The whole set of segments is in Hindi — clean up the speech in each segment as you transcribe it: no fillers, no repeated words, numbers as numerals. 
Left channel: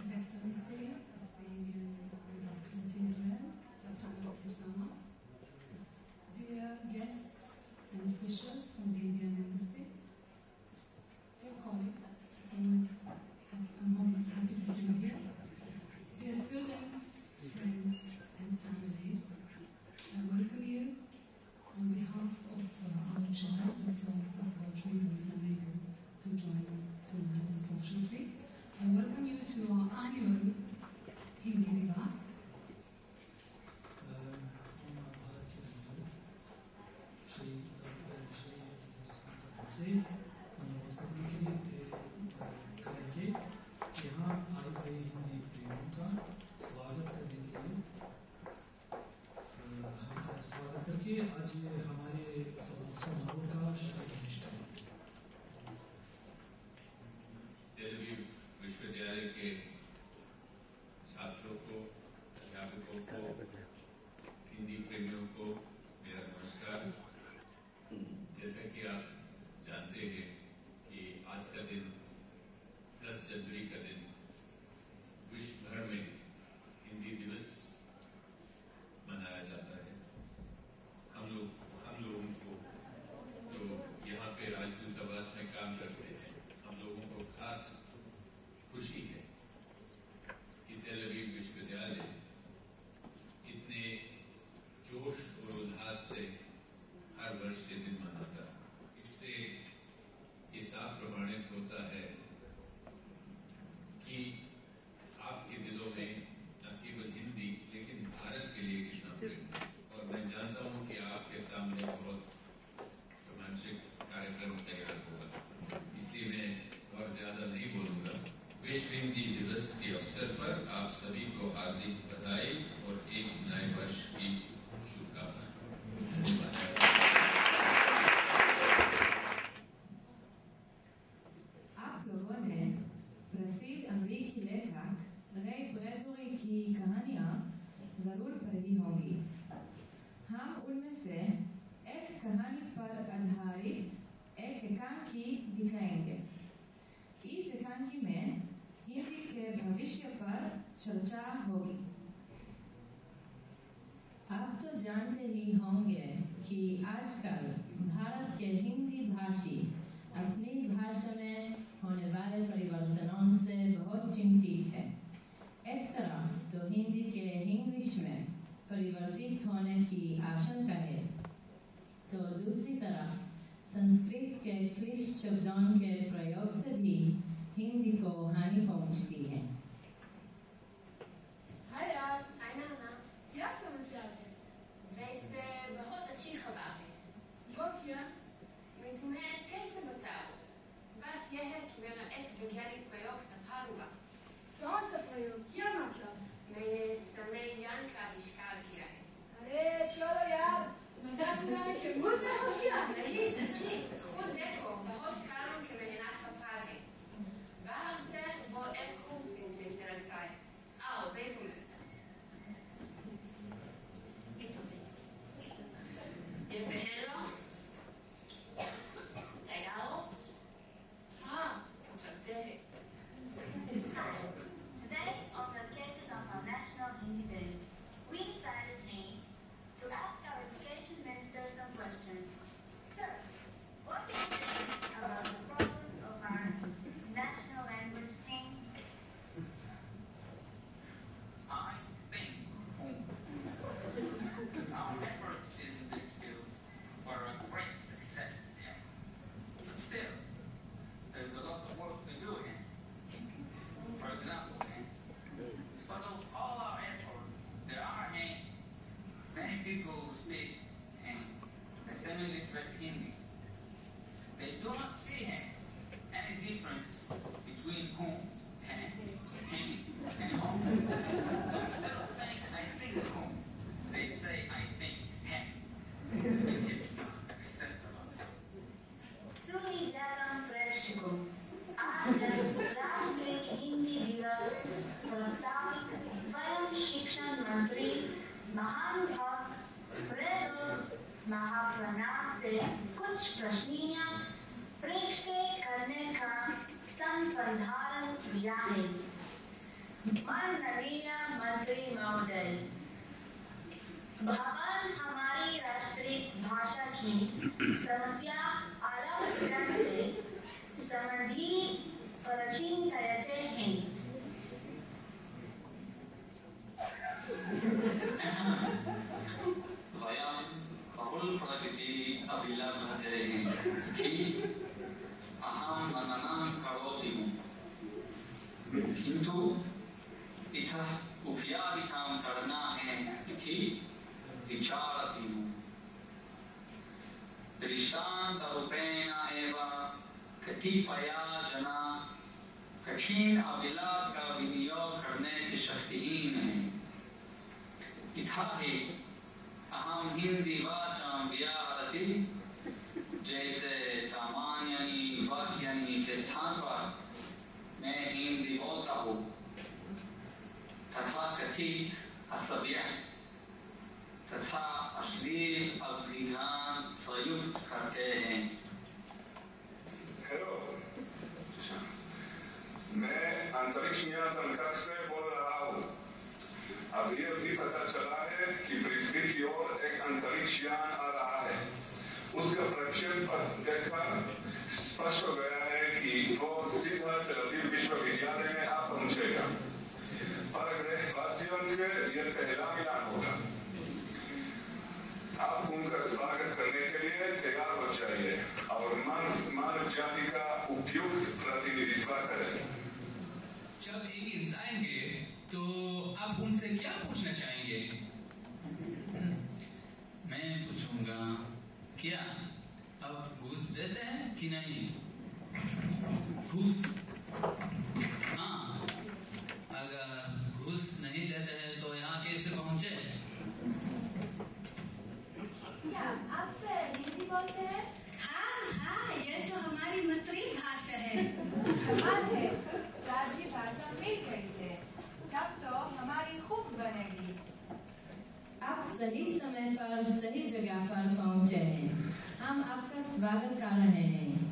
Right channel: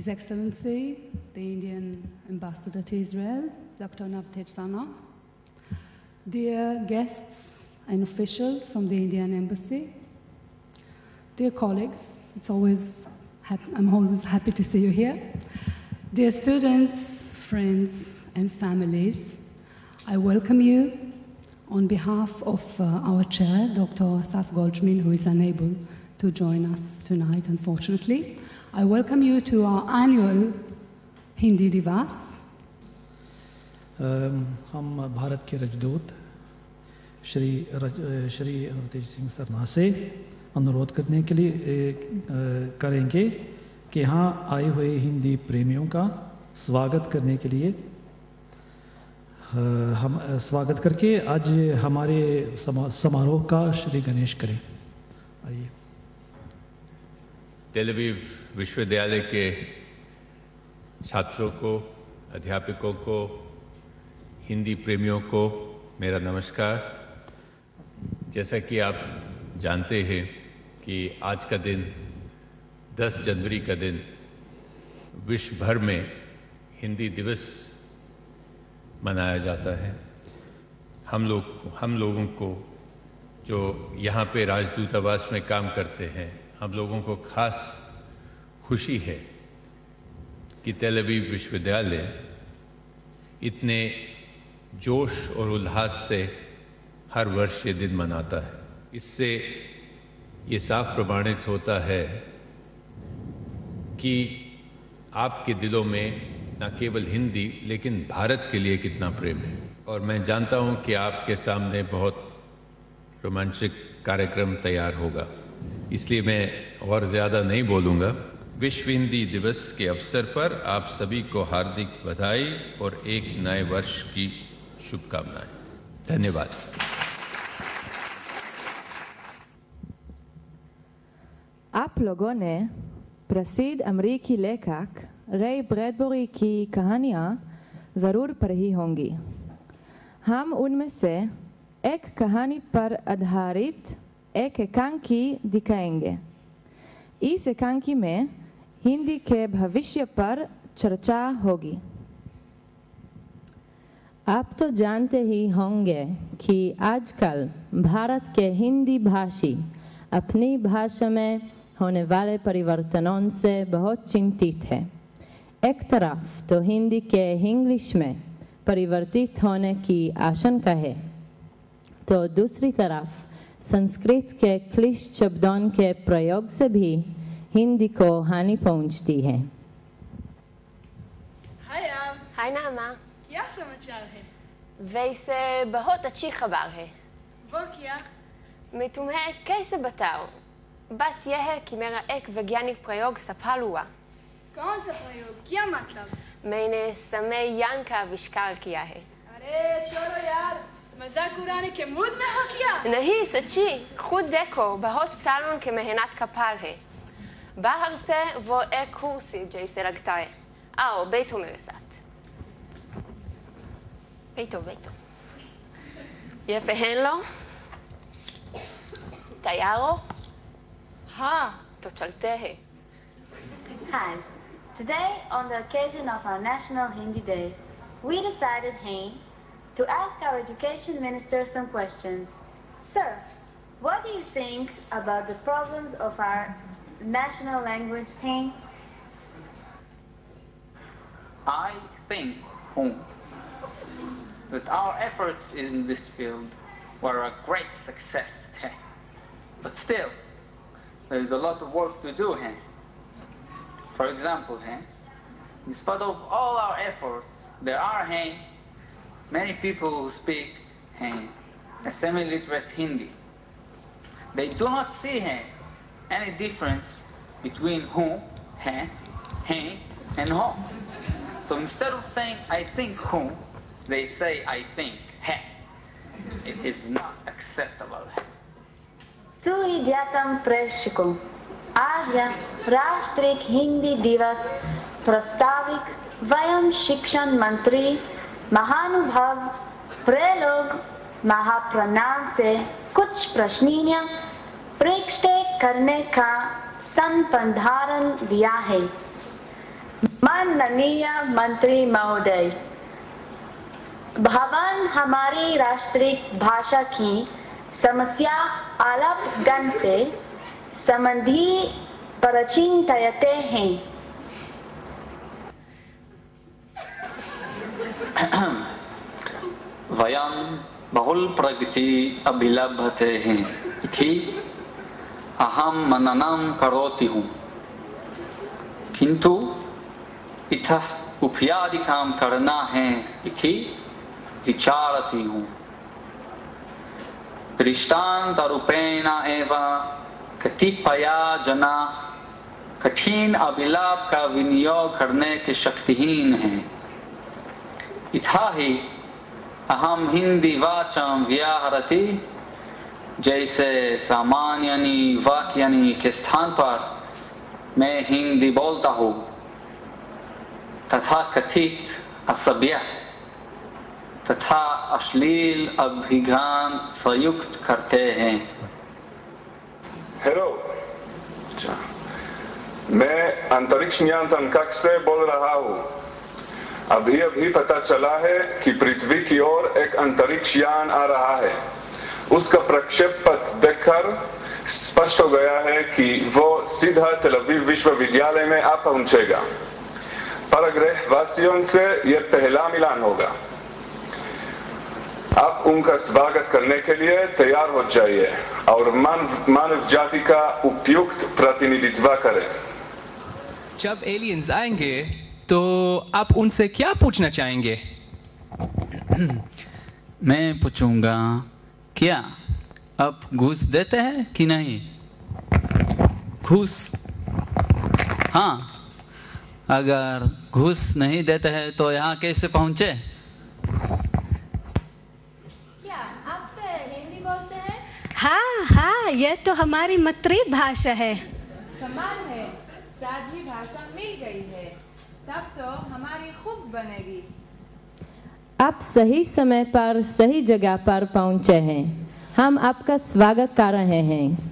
His Excellency, the Indian Ambassador to Israel, Dr. Navtej Sana, dear guests and officials from the Indian Embassy, dear colleagues, I'm always happy to see you here, dear students, friends, and families, I welcome you on behalf of our chair, Dr. Asaf Goldshmin, who is unable to join us tonight, unfortunately. I welcome you to our annual Hindi Divas. हम भारत के राजदूत श्री नवतेज सिंह सरना से अनुरोध करने के लिए करेंगे कि यहाँ आए हुए हिंदी प्रेमियों का स्वागत करने के लिए हम स्वागत करके आज हमारे समारोह का श्री गणेश करें। आइए। तेल अवीव विश्वविद्यालय के छात्रों को, अध्यापकों को, हिंदी प्रेमियों को मेरा नमस्कार। जैसा कि आप जानते हैं कि आज का दिन 10 जनवरी का दिन विश्व भर में हिंदी दिवस मनाया जाता है। हम लोगों को जो यहाँ पे राजदूतावास में काम करते हैं, हम लोगों को खास खुशी है कि तेल अवीव विश्वविद्यालय इतने जोश और उल्लास से हर वर्ष ये दिन मनाता है। इससे ये साफ प्रमाणित होता है कि आपके दिलों में न केवल हिंदी लेकिन भारत के लिए कितना प्रेम है। और मैं जानता हूँ कि आपके सामने बहुत रोमांचक कार्यक्रम तैयार होगा, इसलिए मैं और ज़्यादा नहीं बोलूँगा। विश्व हिंदी दिवस के अवसर पर आप सभी को हार्दिक बधाई और एक नए वर्ष की शुभकामनाएं। धन्यवाद। आप लोगों ने प्रसिद्ध अमेरिकी लेखक रे ब्रैडबरी की कहानियाँ ज़रूर पढ़ी होंगी। हम उनमें से एक कहानी पर आधारित एक एकांकी दिखाएंगे। इस एकांकी में हिंदी के भविष्य पर चर्चा होगी। आप तो जानते ही होंगे कि आजकल भारत के हिंदी भाषी अपनी भाषा में होने वाले परिवर्तनों से बहुत चिंतित है। एक तरफ तो हिंदी के इंग्लिश में परिवर्तित होने की आशंका है, तो दूसरी तरफ संस्कृत के क्लिष्ट शब्दों के प्रयोग से भी हिंदी को हानि पहुंचती है। हाय नामा, क्या समाचार है? वैसे बहुत अच्छी खबर है। वो क्या? मैं तुम्हें कैसे बताऊं? बात यह है कि मेरा एक वैज्ञानिक प्रयोग सफल हुआ। कौन सा प्रयोग? क्या मतलब? मैंने समय यान का आविष्कार किया है। अरे चलो यार, मजाक उड़ाने के मूड में हो क्या? नहीं, सच्ची, खुद देखो, बहुत सालों की मेहनत का फल है। बाहर से वो एक कुर्सी जैसे लगता है। आओ बैठो मेरे साथ। बैठो। ये पहन लो। तैयार हो? हाँ। तो चलते हैं। Hi. Today, on the occasion of our National Hindi Day, we decided, to ask our Education Minister some questions. Sir, what do you think about the problems of our national language, Hindi? I think that our efforts in this field were a great success, but still, there is a lot of work to do. For example, in spite of all our efforts, there are many people who speak a semi-literate Hindi. They do not see any difference between and ho. So instead of saying I think they say I think It is not acceptable. सुविज्ञातम प्रेक्षकों, आज राष्ट्रीय हिंदी दिवस प्रस्तावित वयम शिक्षण मंत्री महानुभाव प्रलोग महाप्रणाम से कुछ प्रश्नियां प्रस्तुत करने का संप्रधान दिया है। माननीय मंत्री महोदय, भवन हमारी राष्ट्रीय भाषा की समस्या आलापन से संबंधी परिचित हैं। वयं बहुल प्रगति अभिलभते हैं इति अहम मननं करोति हूँ, किंतु इतः उपायादिकं करना है इति विचारति हूँ। दृष्टान्तरूपेण एव कतिपय जना कठिन अभिलाप का विनियोग करने के शक्तिहीन हैं। इथा ही अहम हिंदी वाचं व्याहरति, जैसे सामान्यानि वाक्यानि के स्थान पर मैं हिंदी बोलता हूँ तथा कथित असभ्य तथा अश्लील अभिज्ञान प्रयुक्त करते हैं। हेलो, मैं अंतरिक्ष नियंत्रण कक्ष से बोल रहा हूँ। अभी पता चला है कि पृथ्वी की ओर एक अंतरिक्ष यान आ रहा है। उसका प्रक्षेप पथ देखकर स्पष्ट हो गया है कि वो सीधा तेल अवीव विश्वविद्यालय में आ पहुंचेगा। परग्रह वासियों से यह पहला मिलान होगा। आप उनका स्वागत करने के लिए तैयार हो जाइए और मानव जाति का उपयुक्त प्रतिनिधित्व करें। जब एलियंस आएंगे तो आप उनसे क्या पूछना चाहेंगे? मैं पूछूंगा, क्या आप घूस देते हैं कि नहीं? घूस? हाँ, अगर घूस नहीं देते हैं तो यहाँ कैसे पहुँचे? क्या आप हिंदी बोलते हैं? हाँ, ये तो हमारी मातृभाषा है। कमाल है, साझी भाषा मिल गई है, तब तो हमारी खूब बनेगी। आप सही समय पर सही जगह पर पहुंचे हैं। हम आपका स्वागत कर रहे हैं।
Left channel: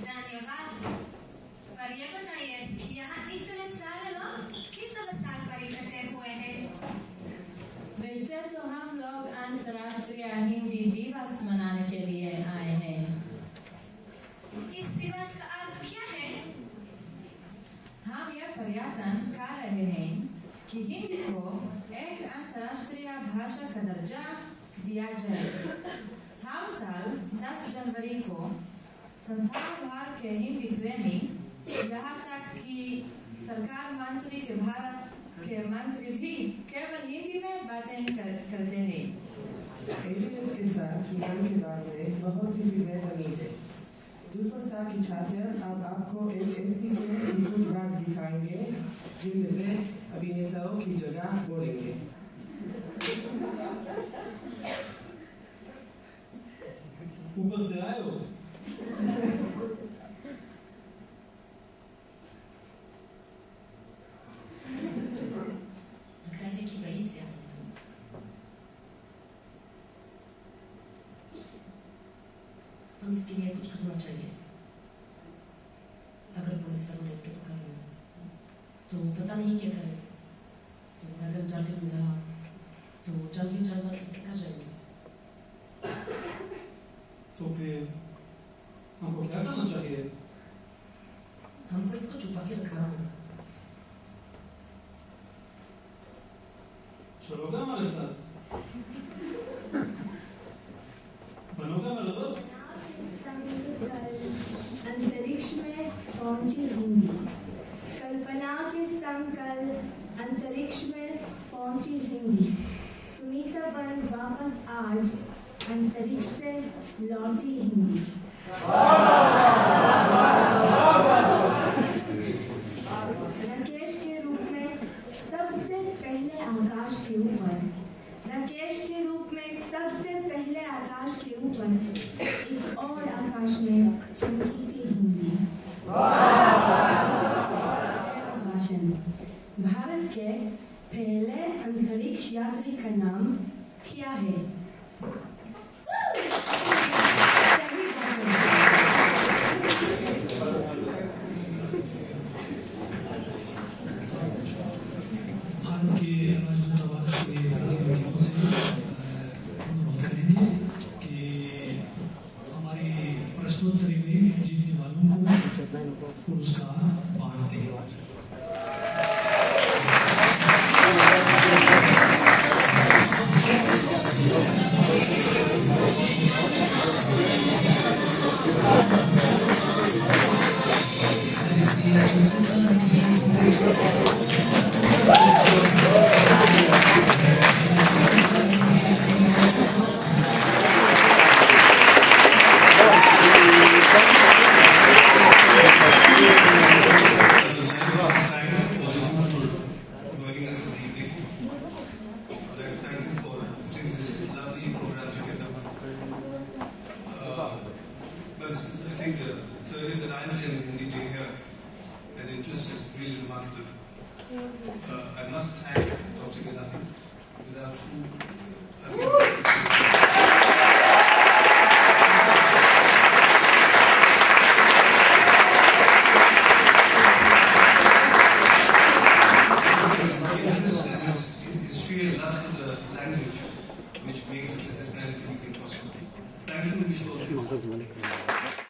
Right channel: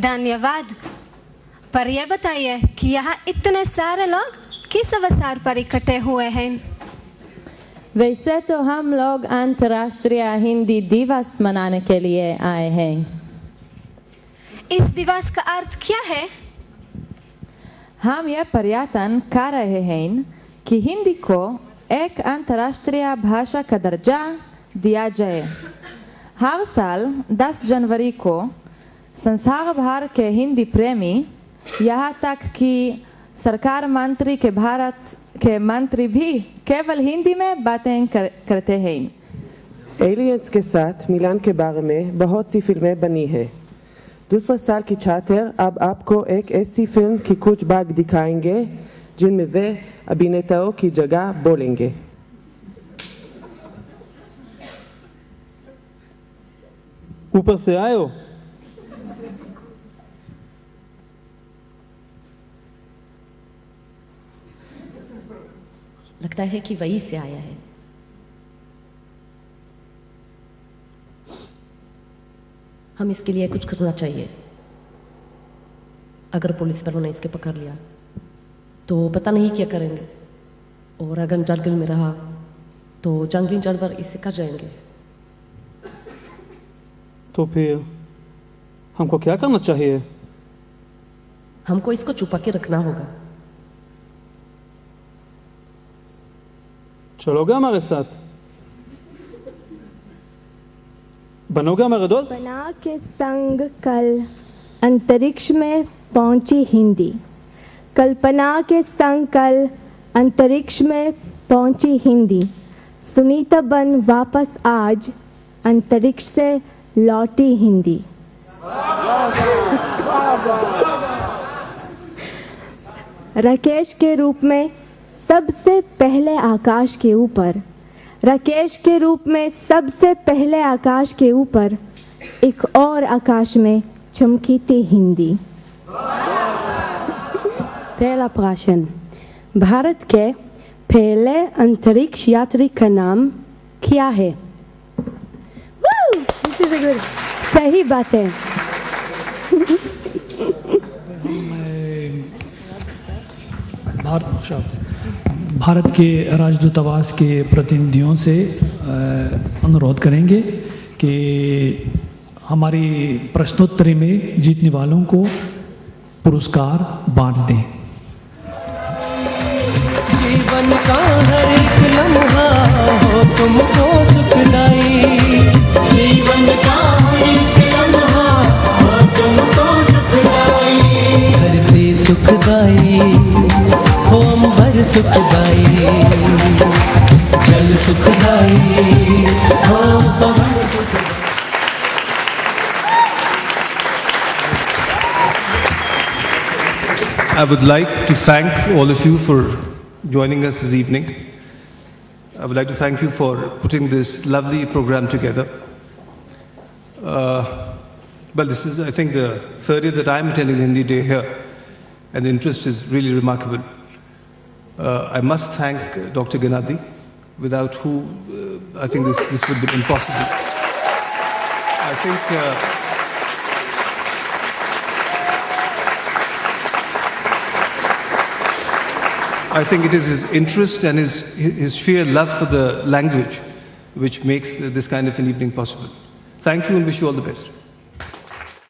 धन्यवाद। पर यह बताइए कि यहाँ इतने सारे लोग किस अवसर पर इकट्ठे हुए हैं? वैसे तो हम लोग अंतर्राष्ट्रीय हिंदी दिवस मनाने के लिए आए हैं। इस दिवस का अर्थ क्या है? हम यह प्रयत्न कर रहे हैं कि हिंदी को एक अंतर्राष्ट्रीय भाषा का दर्जा दिया जाए। हर साल 10 जनवरी को संसार भर के हिंदी प्रेमी, यहाँ तक कि सरकार मंत्री के भारत के मंत्री भी केवल हिंदी में बातें करते हैं। एलियंस के साथ मिलान के बारे में बहुत सी फिल्में बनी हैं। दूसरे साल की छात्र अब आपको एक ऐसी फिल्म की कुछ भाग दिखाएंगे जिनमें वे अभिनेताओं की जगह बोलेंगे। ऊपर से आए हो? लगता है कि वहीं से आया है। हम इसके लिए कुछ करना चाहिए। अगर पुलिस वालों ने इसके पकड़ लिया तो पता नहीं क्या करेंगे, और अगर जंगल में रहा तो जंगली जानवर इससे कर जाएंगे। तो फिर हमको क्या करना चाहिए? हमको इसको छुपा के रखना होगा। चलोगे हमारे साथ? बनोगे हमारे दोस्त? कल्पना के संग कल अंतरिक्ष में पहुंची हिंदी। कल्पना के संग कल अंतरिक्ष में पहुंची हिंदी। सुनीता बन वापस आज अंतरिक्ष से लौटी हिंदी। राकेश के रूप में सबसे पहले आकाश के ऊपर, राकेश के रूप में सबसे पहले आकाश के ऊपर एक और आकाश में चमकी थी हिंदी। पहला प्रश्न, भारत के पहले अंतरिक्ष यात्री का नाम क्या है? सही बात है। भारत के राजदूतावास के प्रतिनिधियों से अनुरोध करेंगे कि हमारी प्रश्नोत्तरी में जीतने वालों को पुरस्कार बांट दें। जीवन का हर एक लम्हा हो तुमको सुखदाई, जीवन का हर एक लम्हा हो तुमको सुखदाई, धरती सुखदाई हो अंबर सुखदाई, जल सुखदाई हो पवन सुखदाई। I would like to thank all of you for joining us this evening. I would like to thank you for putting this lovely program together. Well, this is, I think, the third year that I'm attending the Hindi Day here, and the interest is really remarkable. I must thank Dr. Ganadi, without who I think this would be impossible. I think it is his interest and his sheer love for the language which makes this kind of an evening possible. Thank you and wish you all the best.